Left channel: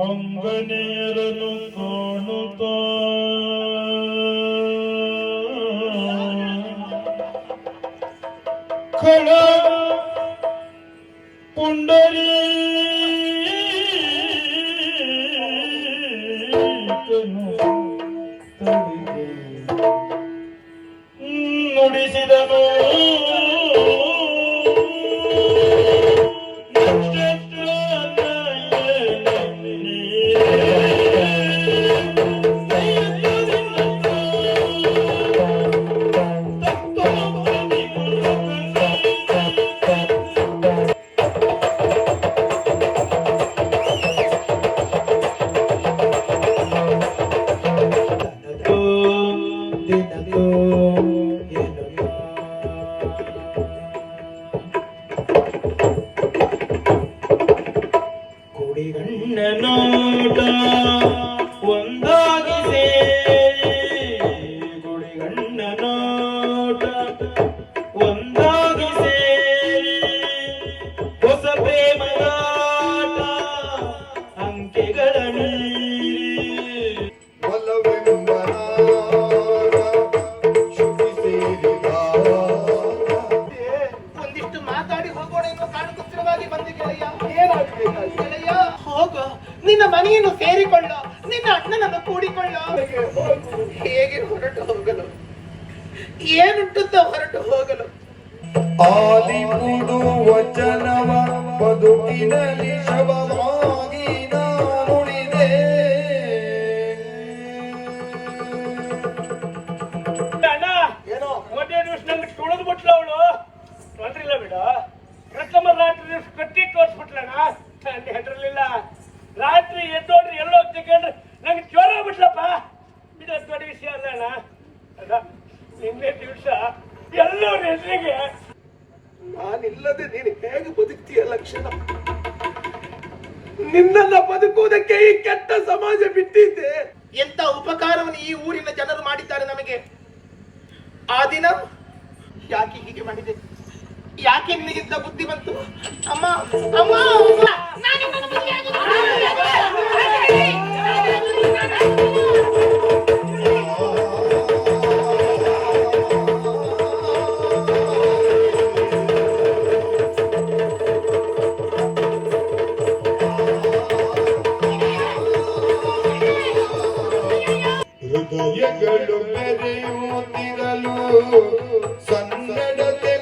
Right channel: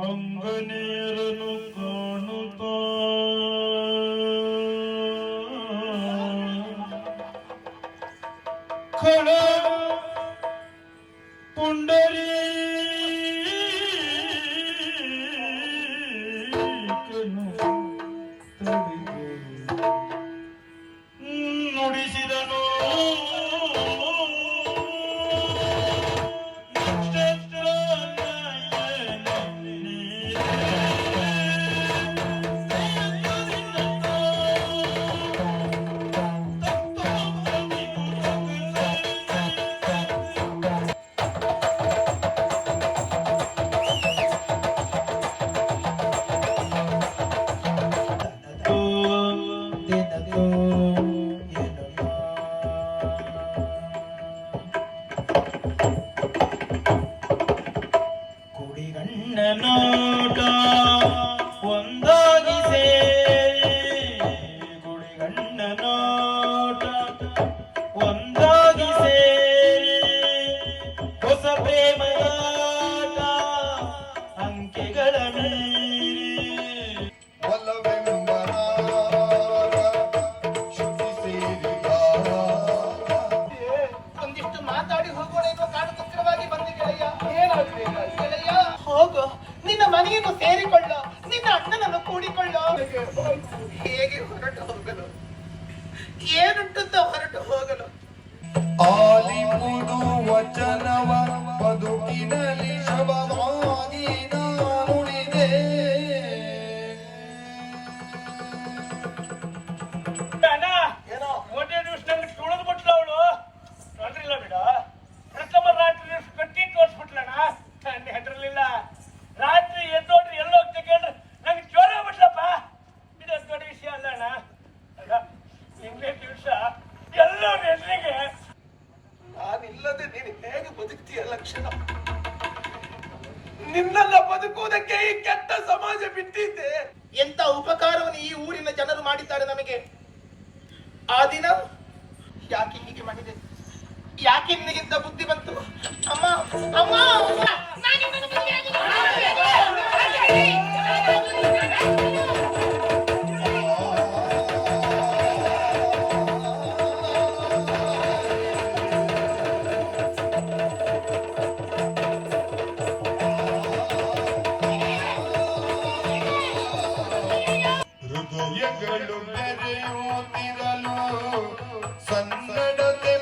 ಅಂಗನೆಯರನ್ನು ಕಾಣುತ್ತಾ ಖಳ ನಿನ್ನ ಮನೆಯನ್ನು ಸೇರಿಕೊಳ್ಳೋ, ನಿನ್ನ ಅಣ್ಣನನ್ನು ಕೂಡಿಕೊಳ್ಳು. ಹೇಗೆ ಹೊರಟು ಹೋಗಲು? ಏನುಂಟುತ್ತ ಹೊರಟು ಹೋಗಲು? ಆಲಿಪುಡು ವಚನವ ಬದುಕಿನಲ್ಲಿ ಶವವಾಗಿ ನಾನಿಲ್ಲದೆ ನೀನು ಹೇಗೆ ಬದುಕ್ತೀಯ ಲಕ್ಷಣ? ನಿನ್ನನ್ನ ಬದುಕುವುದಕ್ಕೆ ಈ ಕೆಟ್ಟ ಸಮಾಜ ಬಿಟ್ಟಿದ್ದೆ ಎಂತ ಉಪಕಾರವನ್ನು ಈ ಊರಿನ ಜನರು ಮಾಡಿದ್ದಾರೆ ನಮಗೆ? ಆ ದಿನ ಯಾಕೆ ಹೀಗೆ ಮಾಡಿದೆ? ಯಾಕೆ ನಿನಗಿಂತ ಬುದ್ಧಿ ಬಂತು? ಅಮ್ಮ ಅಮ್ಮ! ಗುಹೆಗಳು ಬೆರೆಯುತ್ತಿರಲು ಸನ್ನಡತೆ